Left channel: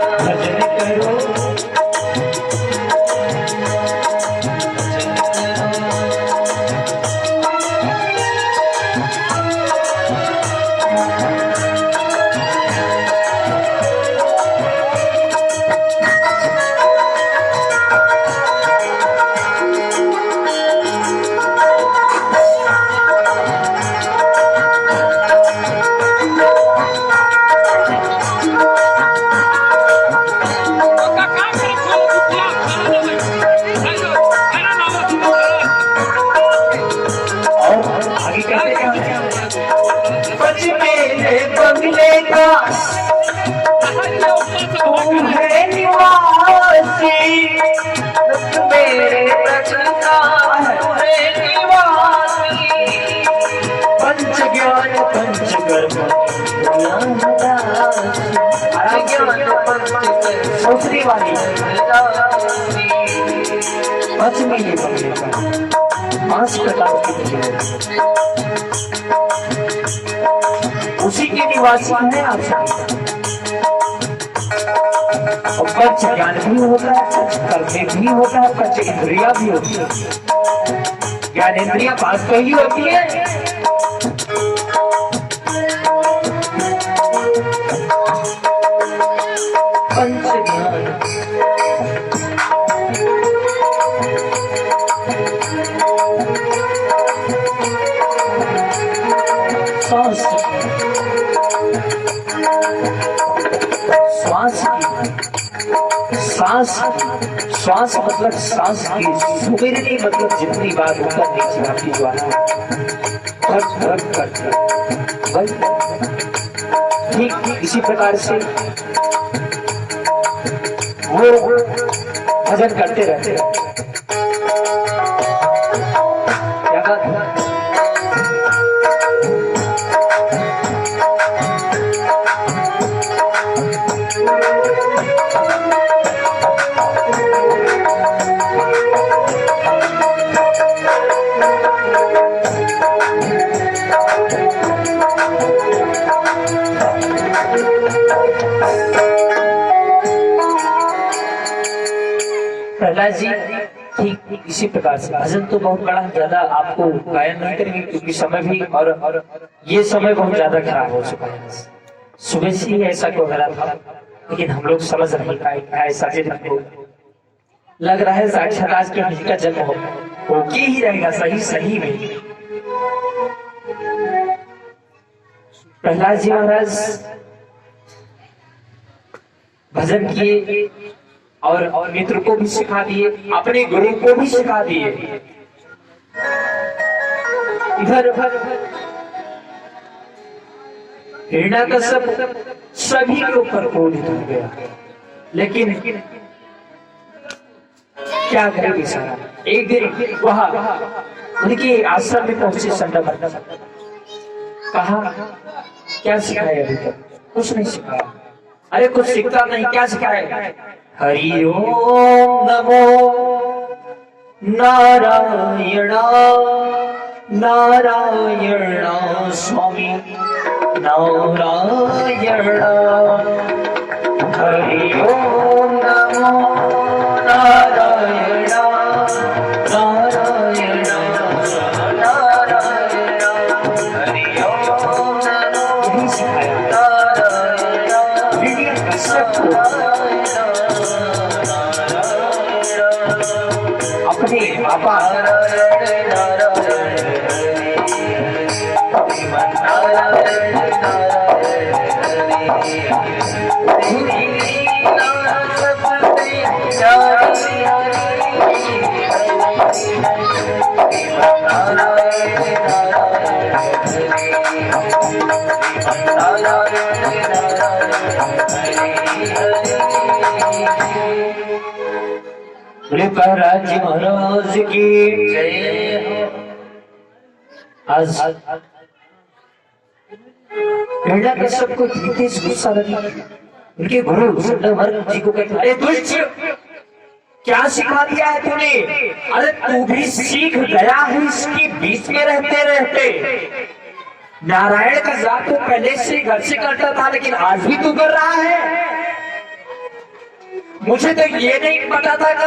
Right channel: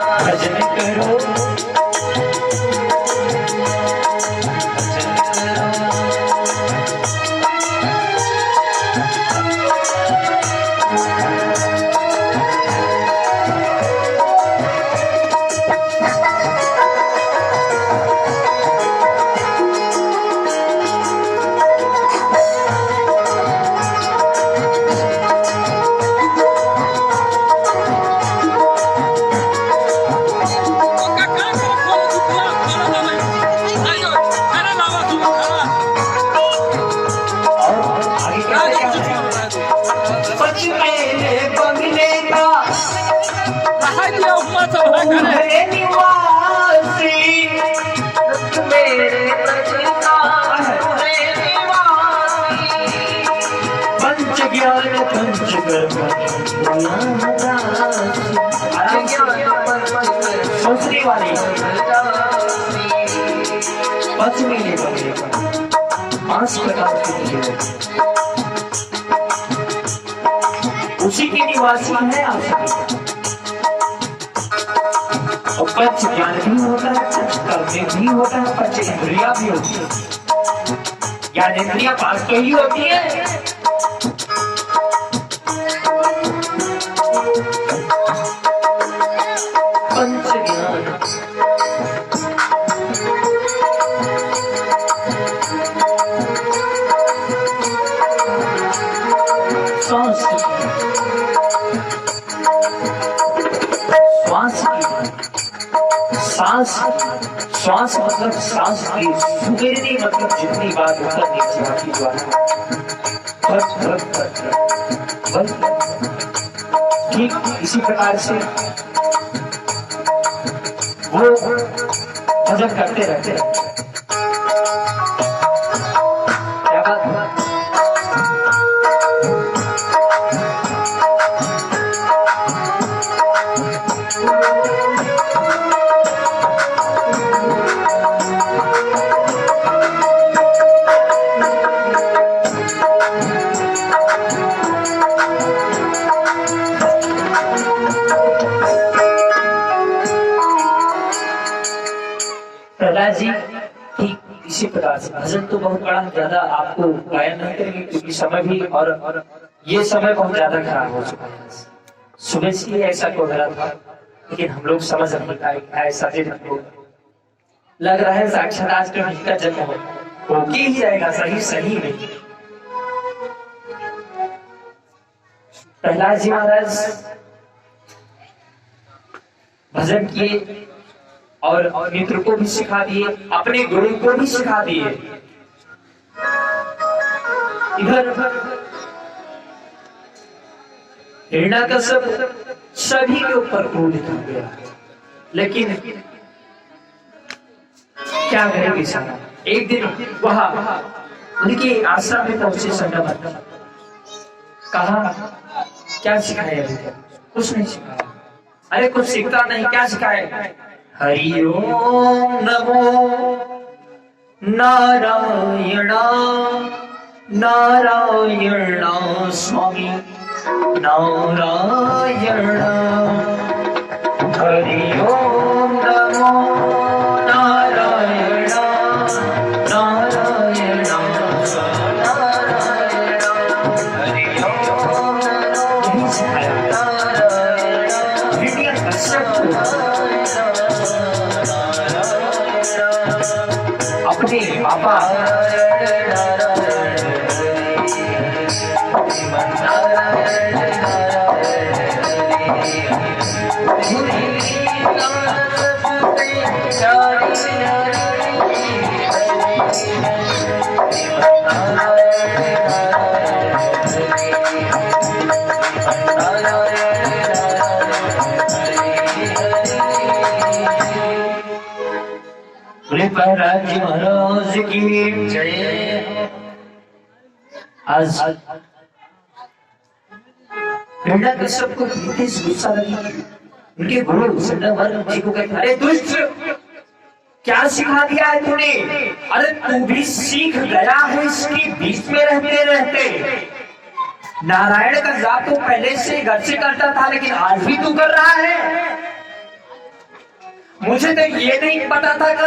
भजन करो उसी के निवासी है आप सभी। और पंच ज्ञान भी होता है, पंच कर्म भी होता है, पंच इंद्रिया भी होती है। ज्ञान इंद्रिया पास तो ही होती है, पंच ज्ञान श्वास मतलब सांस की सुमेरनी मतलब जितनी बार ऊपर नीचे आपकी ज्वाला ठीक इसी प्रकार से वो भजन करते रहते हैं। क्या बात है? प्रहलाद जी ठीक इसी प्रकार से भजन तो बहुत बड़ा ज्यादा आपको गायन नहीं करेंगे क्योंकि समय भी और ये समय बहुत ज्यादा खराब हो चुका है। सुबह से ही ऐसा क्यों हो रहा था, लेकिन हम लोग समझ नहीं पाए। ऐसा हमको लग रहा है साक्षात आज के का जन्म हो ही रहेगा सही सही में। प्रहलाद जी महाराज भजन किए और मित्र को भी सिखा दिए, अपने गुरु को भी सिखा दिए। इधर हिरण्यकश्यप सभी के ऊपर क्रोधित हो गया, लेकिन क्या करे बेचारा। एक दिन वहां उनके आश्रम में पहुंचे संगम, कहा क्या सिखाया अभी तक? कुछ नहीं सिखाया। अरे कुछ सीखता नहीं, क्या सिखाए? हरि ओम नमो नारायण नारायण स्वामी नारायण। हरि ओम नमो नारायण नारायण नारायण। हरि ओम नमो अपने बाबा प्रहलाद जी महाराज की जय। आज हिरण्यकश्यप को गुस्सा लगा। उनके गुरु संगम जी को कहते, अरे दुष्ट क्या सिखा दिया है तूने? अरे तू भी सीख गया है इसकी बीच में रहते रहते। नारायण का जाप तो पहले से घर से करता था, लेकिन आज भी तू कर रहा है। मुझे तो ये नहीं पता था कि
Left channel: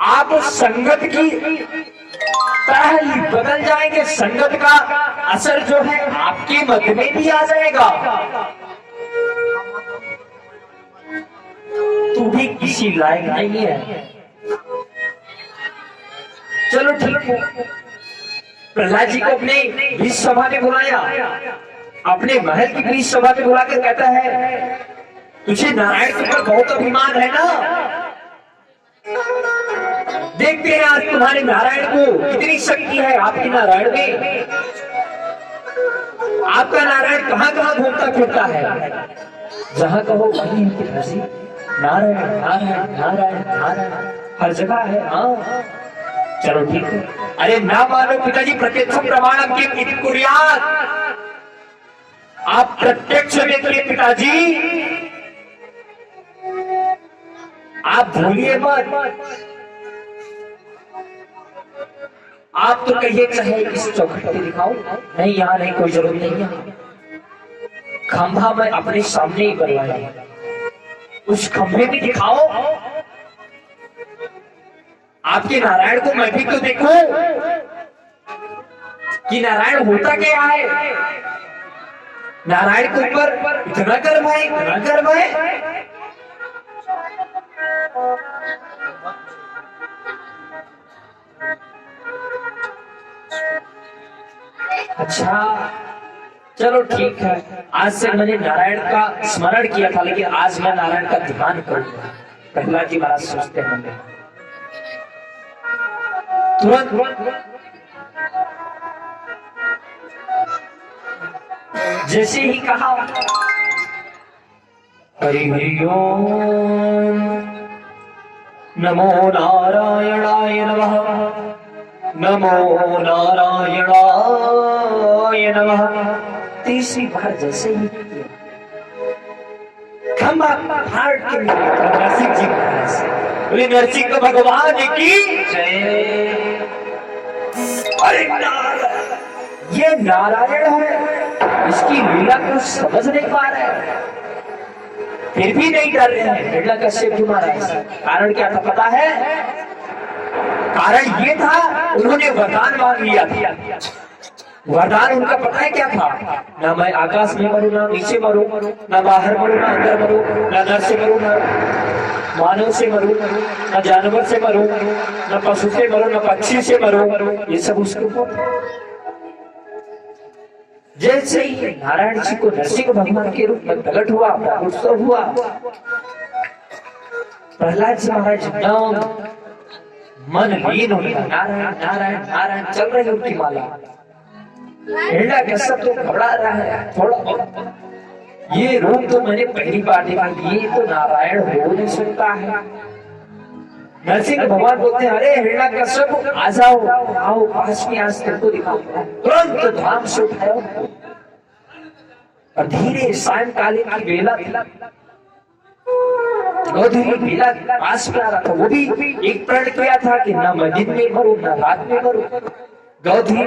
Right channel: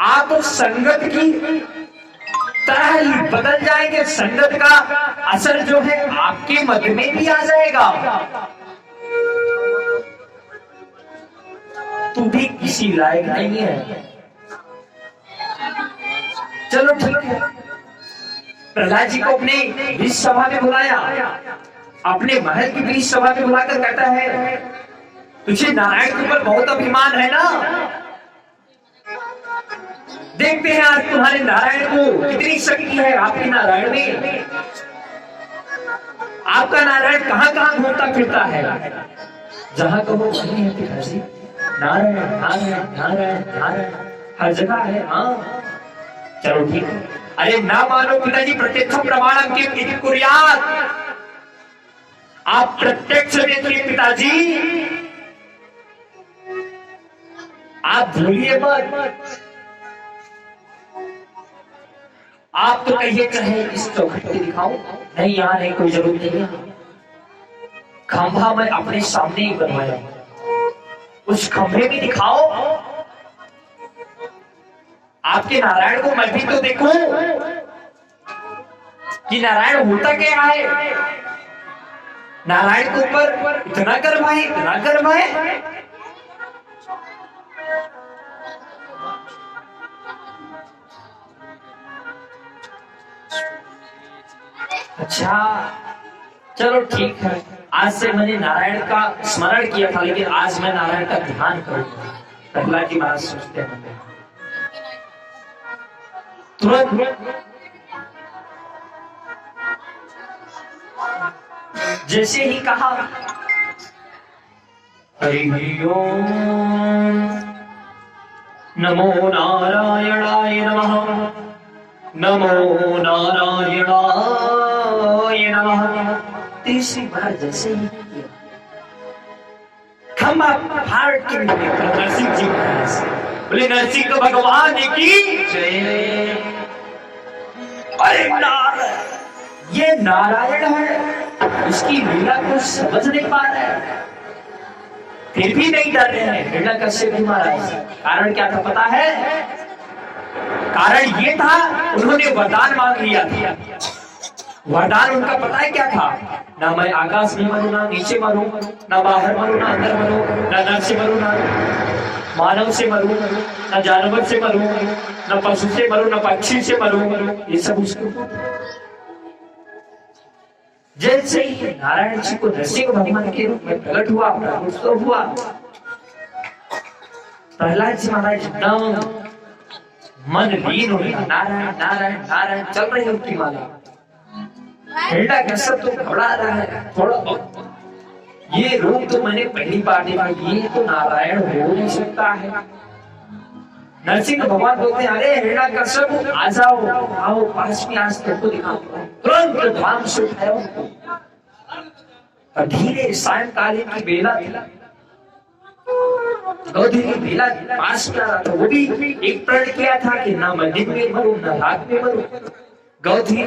आप संगत की तरह ही बदल जाएंगे, संगत का असर जो है आपके मत में भी आ जाएगा। तू भी किसी लायक नहीं है। चलो ठीक है, प्रहलाद जी को अपने बीच सभा में बुलाया, अपने महल की बीच सभा में बुलाकर कहता है, तुझे नारायण के ऊपर बहुत अभिमान है ना, देखते हैं आज तुम्हारे नारायण को कितनी शक्ति है आपके नारायण में। आपका नारायण कहां कहां घूमता फिरता है, जहां कहो वहीं है पिताजी, नारायण नारायण नारायण नारायण हर जगह है। हाँ चलो ठीक है। अरे ना मानो पिताजी, प्रत्यक्ष प्रमाणम की कुर्यात, आप प्रत्यक्ष देखिए पिताजी, आप भूलिए मत। आप तो कहिए चाहे इस चौखट पे दिखाओ, नहीं यहाँ नहीं, कोई जरूरत नहीं है। खंभा मैं अपने सामने ही बनवाया, उस खंभे में दिखाओ, आपके नारायण को मैं भी तो देखूं कि नारायण होता क्या है। नारायण के ऊपर इतना गर्व है, इतना गर्व है। अच्छा चलो ठीक है, आज से मैंने नारायण का स्मरण किया था, लेकिन आज मैं नारायण का ध्यान करूंगा। प्रहलाद जी महाराज सोचते हैं, तुरंत जैसे ही कहा हरि ओम नमो नारायणाय नमः, नमो नारायणाय नमः, तीसरी बार जैसे ही खंभा फाड़ के नरसिंह जी महाराज बोले, नरसिंह भगवान की जय। अरे नारायण, ये नारायण है, इसकी लीला को समझ नहीं पा रहे हैं, फिर भी नहीं डर रहे हैं। हिरण्यकश्यप जी महाराज, कारण क्या था पता है? कारण ये था, उन्होंने वरदान मांग लिया था। वरदान उनका पता है क्या था? ना मैं आकाश में मरूं, ना नीचे मरूं, ना बाहर मरूं, ना अंदर मरूं, ना नर से मरूं, ना मानव से मरूं, ना जानवर से मरूं, ना पशु से मरूं, ना पक्षी से मरूं। ये सब उसको जैसे ही नारायण जी को नरसिंह भगवान के रूप में प्रकट हुआ, उत्सव हुआ, प्रहलाद जी महाराज एकदम मन लीन हो गया। नारायण नारायण नारायण चल रही है उनकी माला। हिरण्यकश्यप तो घबरा रहा है थोड़ा, ये रूप तो मैंने पहली बार देखा, ये तो नारायण हो नहीं सकता है। नरसिंह भगवान बोलते हैं, अरे हिरण्यकश्यप आ जाओ, आओ पास में, आज तुमको दिखाओ। तुरंत धाम से उठाया और धीरे सायंकालीन की बेला गौधरी बेला पास में आ रहा था। वो भी एक प्रण किया था कि ना मैं दिन में मरूं, ना रात में मरूं। गौधरी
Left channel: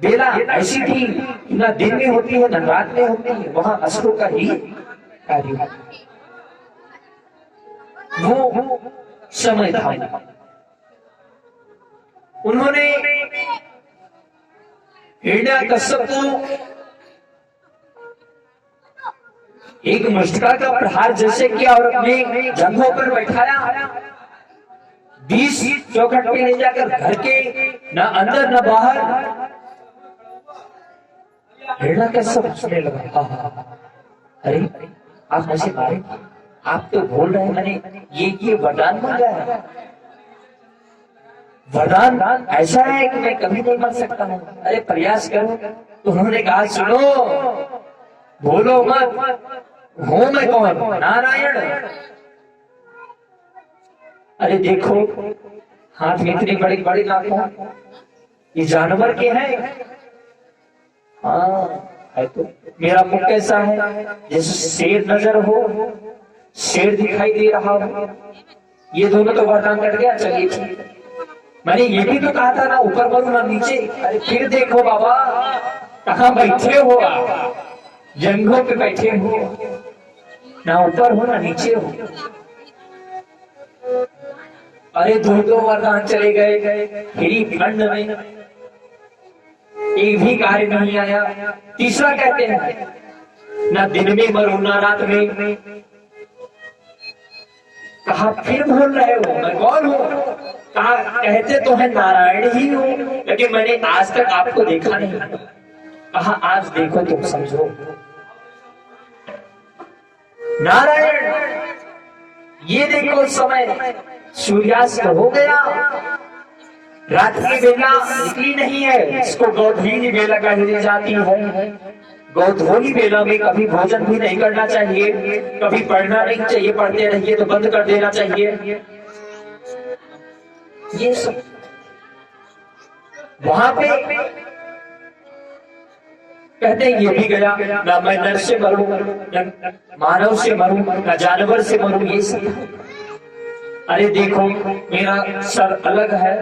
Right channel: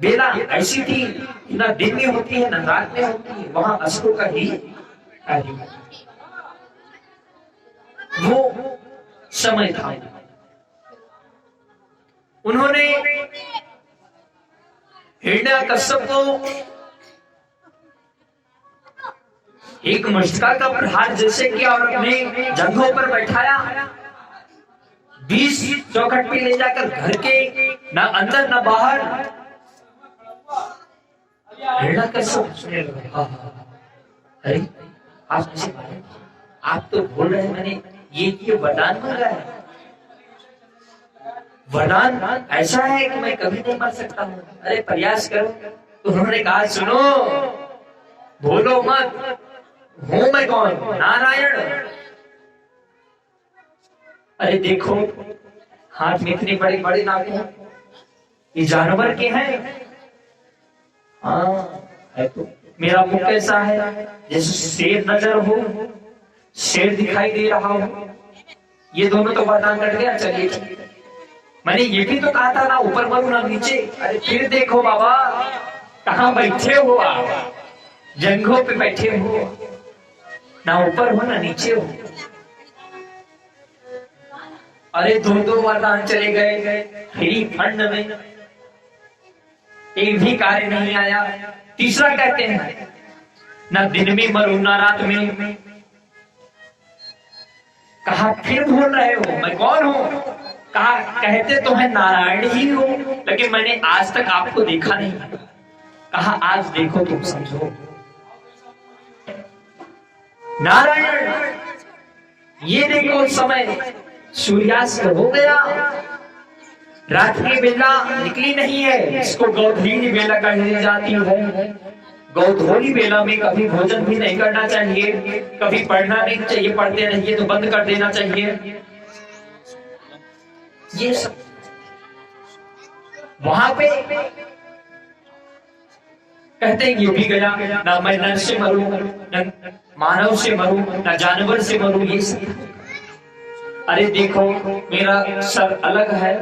बेला ऐसी थी कि ना दिन में होती है, ना रात में होती है, वहां असुरों का ही कार्य वो समय था। उन्होंने हिरण्यकश्यप को एक मस्तका का प्रहार जैसे किया और अपने जंघों पर बैठाया, 20 चौखट पे ले जाकर घर के ना अंदर ना बाहर। हिरण्यकश्यप हंसने लगा, अरे आप मुझे मारे, आप तो बोल रहे हैं मैंने ये वरदान मांगा है, वरदान ऐसा है कि मैं कभी नहीं मर सकता हूँ, अरे प्रयास करो। तो उन्होंने कहा, सुनो, बोलो मत, हूं मैं कौन? नारायण। अरे देखो हाथ में इतने बड़े बड़े नाखून, ये जानवर के हैं? हाँ है। तो मेरा मुख कैसा है? जैसे शेर नजर हो, शेर दिखाई दे रहा हो। ये दोनों तो वरदान कट गया। चलिए ठीक है, मैंने ये भी तो कहा था ना ऊपर मरूं ना नीचे। अरे फिर देखो बाबा, कहाँ बैठे हो आप? जंघों पे बैठे हो। ना ऊपर हो ना नीचे हो। अरे दो वरदान चले गए, फिर खंड में एक भी कार्य नहीं आया। तीसरा कहते हैं ना दिन में मरूं ना रात में। कहा फिर भूल रहे हो मैं कौन हूं? कहा कहते तो है नारायण ही हो, लेकिन मैंने आज तक आपको देखा नहीं। कहा आज देखो तुम समझो। नारायण ये देखो समय सूर्यास्त हो गया, रात की बेला निकली नहीं है, इसको गौधोली बेला कही जाती है। गौधोली बेला में कभी भोजन भी नहीं करना चाहिए, कभी पढ़ना नहीं चाहिए, पढ़ते रहिए तो बंद कर देना चाहिए। ये सब वहां पे कहते हैं ये भी गया, ना मैं नर से मरूं, न मानव से मरूं, ना जानवर से मरूं। ये सब अरे देखो मेरा सर अलग है,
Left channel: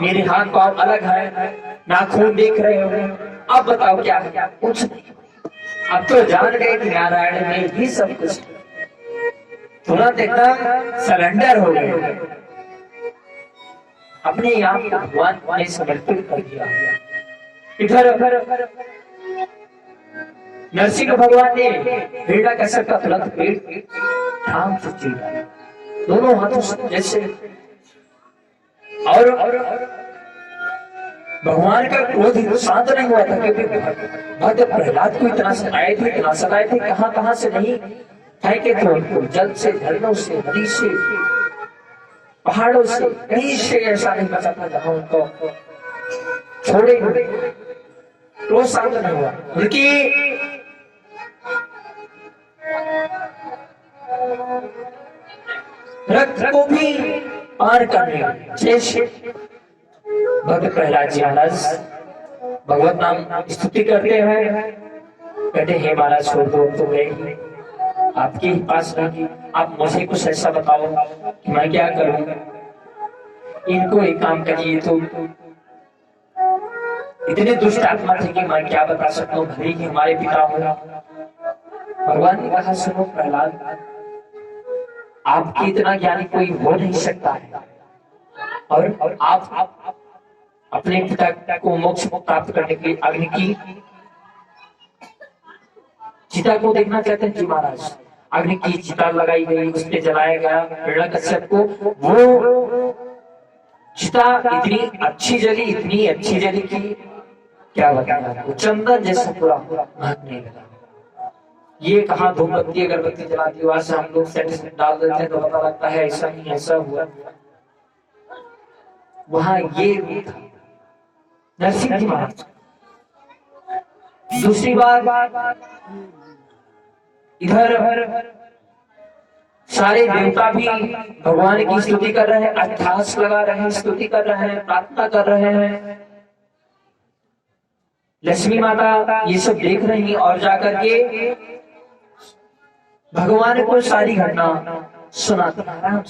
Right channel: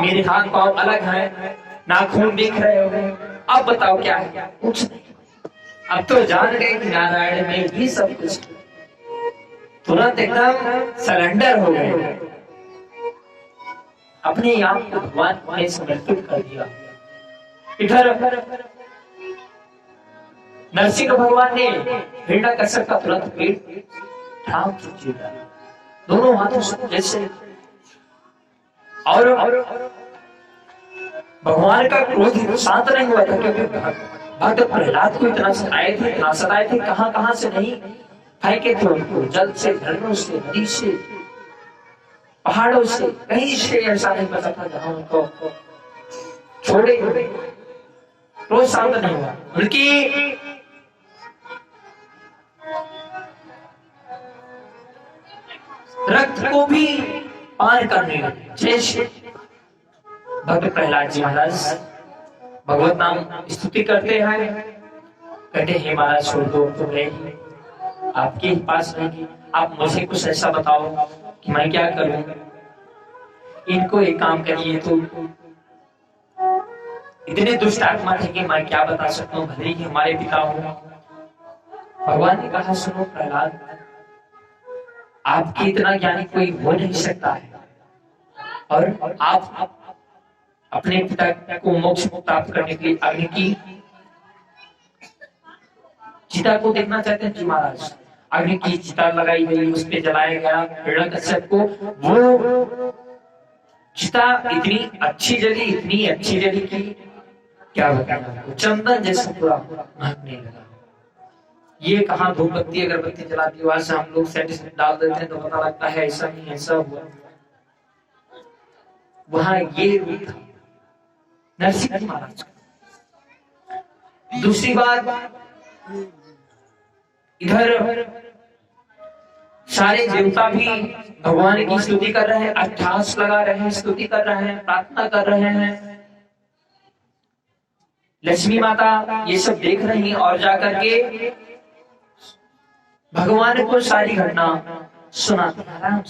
मेरे हाथ पांव अलग है, नाखून देख रहे हो, अब बताओ क्या है? कुछ नहीं। अब तो जान गए कि नारायण में ही सब कुछ। तुरंत एकदम सरेंडर हो गए, अपने आप को भगवान ने समर्पित कर दिया। इधर नरसिंह भगवान ने हिरण्यकश्यप का तुरंत पेट थाम चुकी है दोनों हाथों से जैसे। और भगवान का क्रोध शांत नहीं हुआ था, क्योंकि भक्त प्रहलाद को इतना सताए थे, कहां से नहीं फेंके थे उनको, जल से, झरनों से, नदी से, पहाड़ों से, कहीं से ऐसा नहीं बचा था जहां उनको छोड़े। क्रोध शांत नहीं हुआ, बल्कि रक्त को भी पार करने जैसे भक्त प्रहलाद जी महाराज भगवत नाम स्तुति करते हैं। कहते हैं महाराज छोड़ दो, तो मैं आपके ही पास नहीं, आप मुझे कुछ ऐसा बताओ कि मैं क्या करूं। इनको एक काम करिए, तो इतने दुष्ट आत्मा थे कि मैं क्या बता सकता हूँ, भले ही हमारे पिता हो। भगवान ने कहा सुनो प्रहलाद, आपके इतना ज्ञानी कोई हो नहीं सकता है, और आप अपने पिता को मोक्ष प्राप्त करने के लिए अग्नि की चिता को देखना चाहते हैं जी महाराज। अग्नि की चिता लगाई गई, उस पे जलाया गया हिरण्यकश्यप को। वो चिता इतनी अच्छी जली कि क्या बताया, चंदन जैसा पूरा महकने लगा। ये कहा धूमबत्ती अगरबत्ती जलाती वहां से हम लोग सेंटिमेंट डाल देते हैं तो पता लगता है ऐसा नहीं ऐसा हुआ। वहां ये था नरसिंह जी महाराज। दूसरी बात, इधर सारे देवता भी भगवान की स्तुति कर रहे हैं, अट्ठास लगा रहे हैं, स्तुति कर रहे हैं, प्रार्थना कर रहे हैं। लक्ष्मी माता ये सब देख रही हैं और जाकर के भगवान को सारी घटना सुनाते हैं।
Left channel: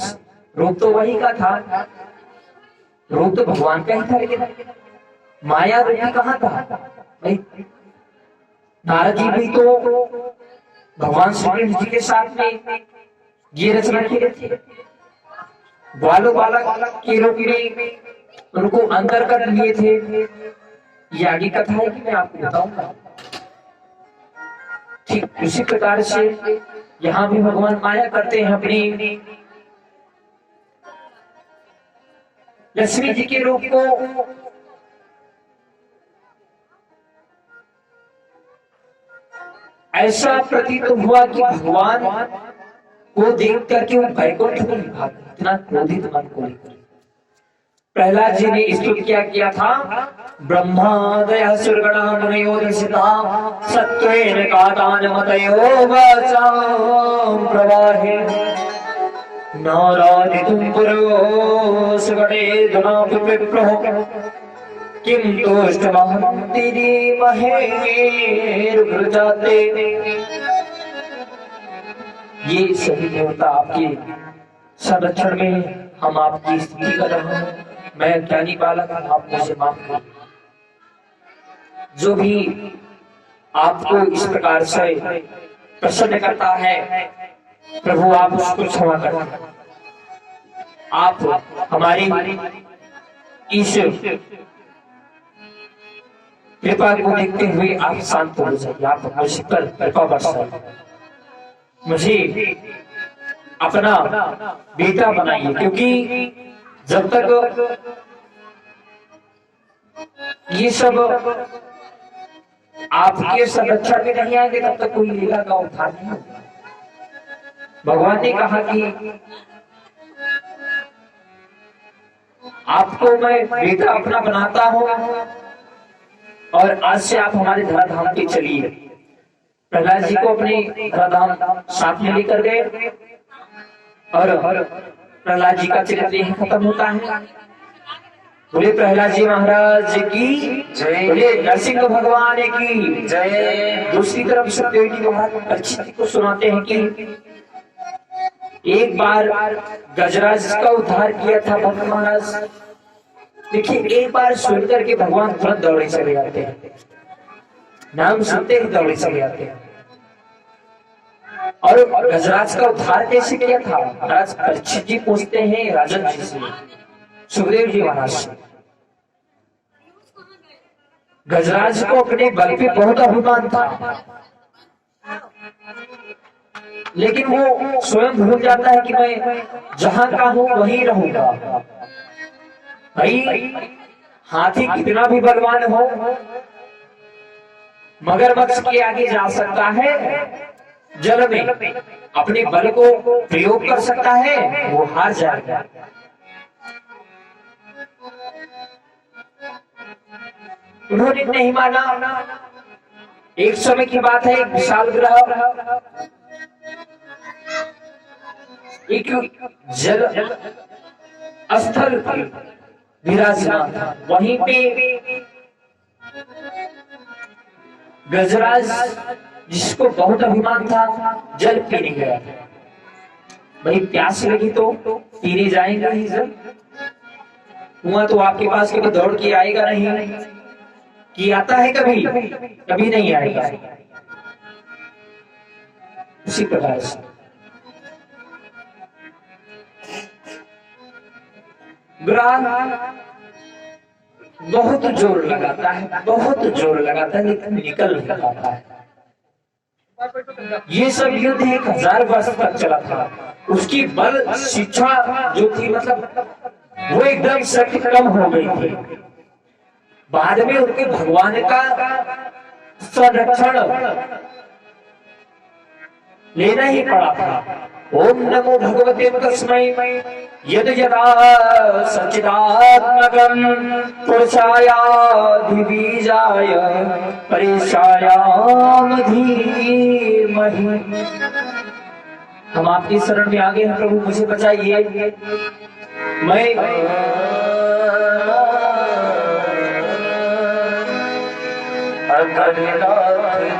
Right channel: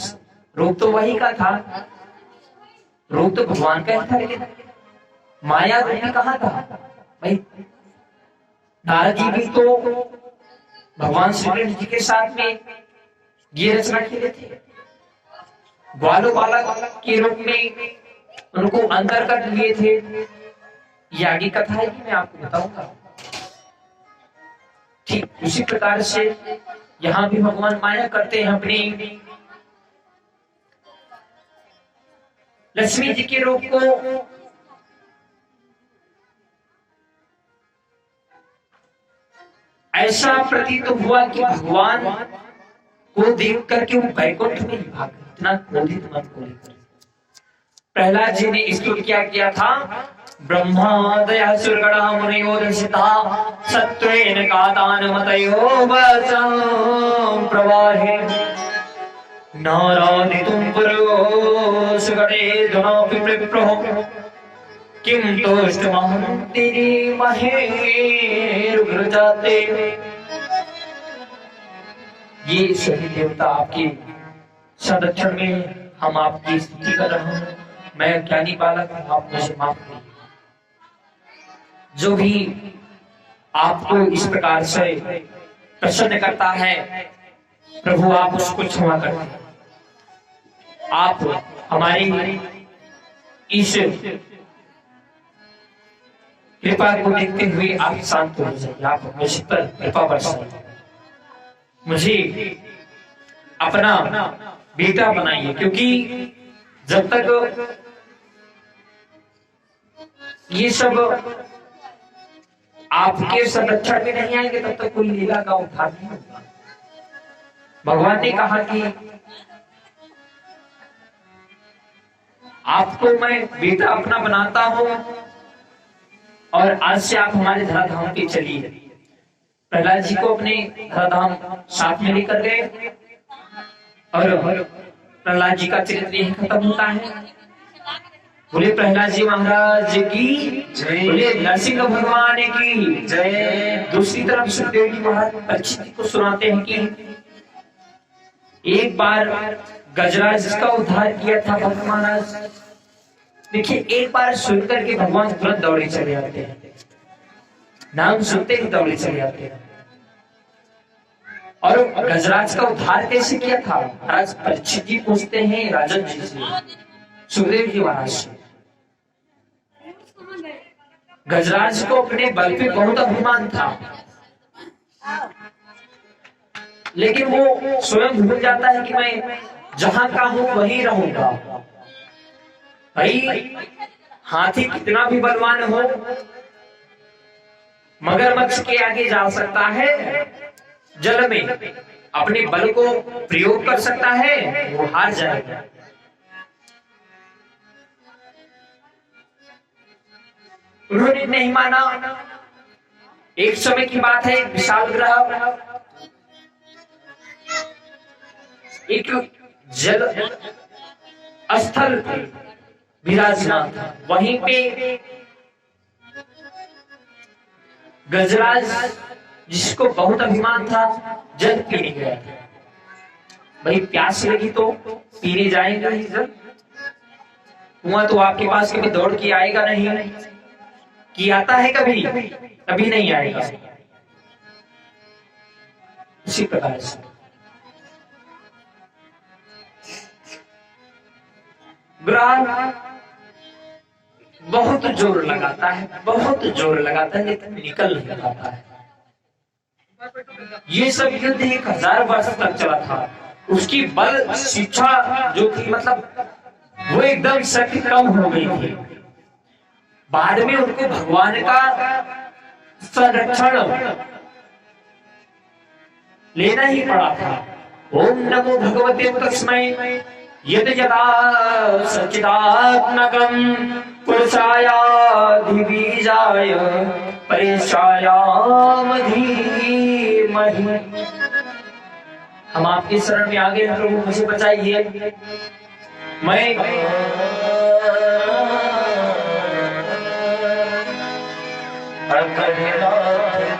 रूप तो वही का था, रूप तो भगवान का ही था, लेकिन माया रूपी कहाँ था भाई? नारद जी भी तो भगवान श्री कृष्ण जी के साथ में ये रचना किए थे, बालो बालक के रूप में उनको अंदर कर लिए थे। ये आगे कथा है कि मैं आपको बताऊंगा। ठीक उसी प्रकार से यहाँ भी भगवान माया करते हैं अपनी लक्ष्मी जी के रूप को। ऐसा प्रतीत हुआ कि भगवान को देख करके वो बैकुंठ में ही भाग गए, इतना क्रोधित मन को लेकर। प्रहलाद जी ने स्तुति क्या किया था? ब्रह्मादयः सुरगणा मुनयो दर्शिता सत्त्वेन कातानमतयो वचां प्रवाहे नारादितुं पुरो सुगणे धुनापि विप्रो किं तोष्टमहं तिरीमहे रुग्रजाते। ये सभी देवता आपके संरक्षण में हम आपकी स्तुति कर रहे हैं। मैं ज्ञानी बालक हूं, आप मुझे माफ करिए। जो भी आपको इस प्रकार से प्रसन्न करता है, प्रभु आप उसको क्षमा कर, आप हमारी इस कृपा को देखते हुए आप शांत हो जाइए, आप मुझ पर कृपा बरसाइए, मुझे अपना बेटा बनाइए, क्योंकि जब तक ये सब आपके संरक्षण में नहीं आएंगे तब तक कोई लीला का उद्धार नहीं होगा। भगवान ने कहा कि आपको मैं बेटा अपना बनाता हूं और आज से आप हमारे धराधाम पे चलिए। प्रहलाद जी को अपने धराधाम साथ में लेकर गए और प्रहलाद जी का चरित्र यही खत्म होता है। बोले प्रहलाद जी महाराज की जय, बोले नरसिंह भगवान की जय। दूसरी तरफ सुखदेव जी महाराज परीक्षित को सुनाते हैं कि एक बार गजराज का उद्धार किया था भक्त महाराज। देखिए, एक बार सुन करके भगवान तुरंत दौड़े चले जाते हैं, नाम सुनते ही दौड़े चले जाते हैं। और गजराज का उद्धार कैसे किया था? महाराज परीक्षित जी पूछते हैं राजन जी से, सुखदेव जी महाराज से। गजराज को अपने बल पे बहुत अभिमान था, लेकिन वो स्वयं भूल जाता है कि मैं जहां का हूं वहीं रहूंगा। भाई, हाथी कितना भी बलवान हो, मगरमच्छ के आगे जा सकता है, जल में अपने बल को प्रयोग कर सकता है, वो हार जाएगा। उन्होंने नहीं माना। एक समय की बात है, एक विशाल ग्रह एक जल स्थल विराजमान था, वहीं पे गजराज, जिसको बहुत अभिमान था, जल पीने गया। भाई, प्यास लगी तो पीने जाएगा ही जल, कुआं तो आपके पास कभी दौड़ के आएगा नहीं, कि आता है कभी कभी नहीं आएगा। उसी प्रकार से ग्रह बहुत जोर लगाता है, बहुत जोर लगाता है, लेकिन निकल नहीं पाता है। ये सब युद्ध 1000 वर्ष तक चला था। उसकी बल शिक्षा जो थी, मतलब वो एकदम शक्ति कम हो गई थी। बाद में उनके भगवान का संरक्षण लेना ही पड़ा था। ओम नमो भगवते तस्मै यद यदा सच्चिदात्मकं पुरुषायाधिबीजाय परेशायाम धीमहि। हम आपकी शरण में आ गए हैं प्रभु, मुझे बचाइए। मैं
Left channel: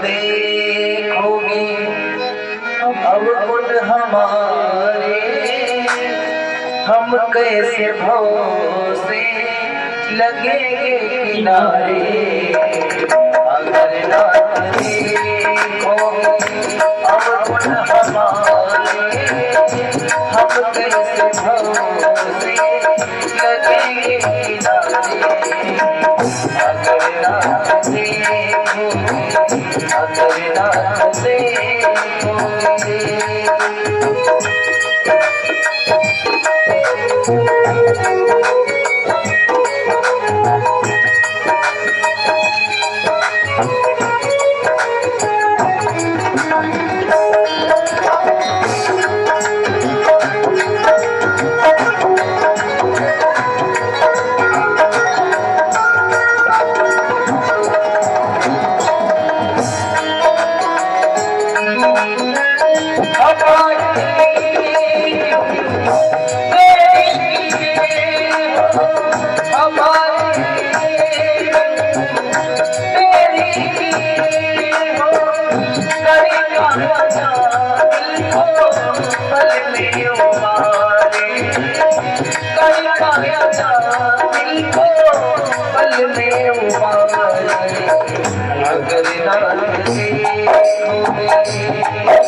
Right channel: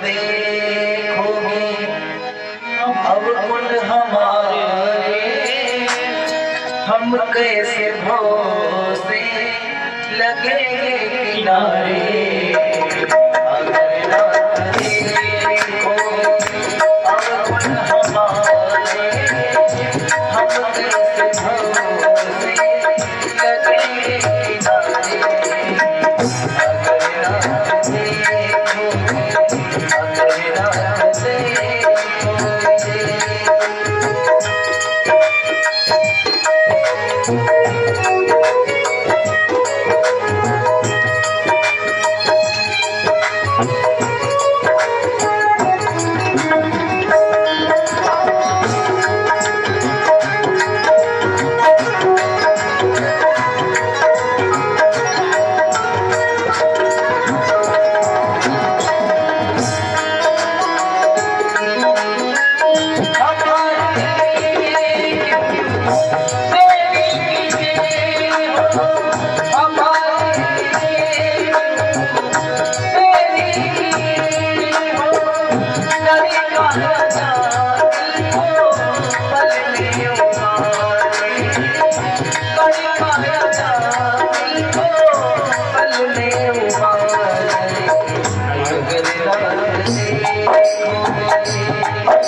देखोगे अब कुल हमारे, हम कैसे भरोसे लगेंगे किनारे। अगर ना देखोगे अब कुल हमारे, हम कैसे भरोसे लगेंगे किनारे। अगर ना देखोगे, अगर ना देखोगे। अगर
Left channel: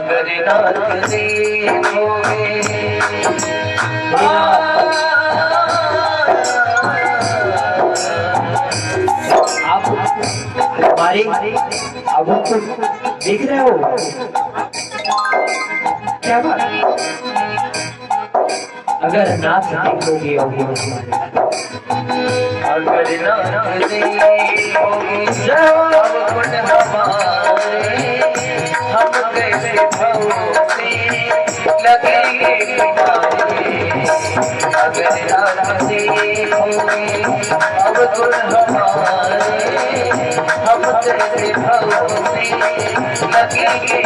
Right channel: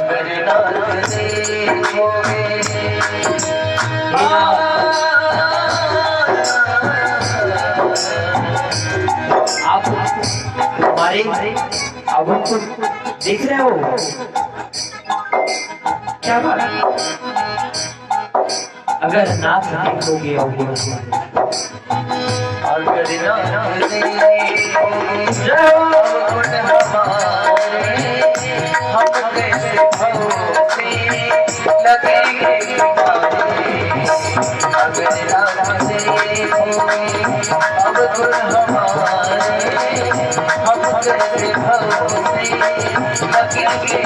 अगर नाथ देखोगे आप हमारे अब को देख रहे हो क्या बात? अगर नाथ देखोगे और अगर नाथ देखोगे हम कैसे भरोसे लगेंगे अगर नाथ देखोगे अब तुम हमारे हम कैसे भरोसे लगेंगे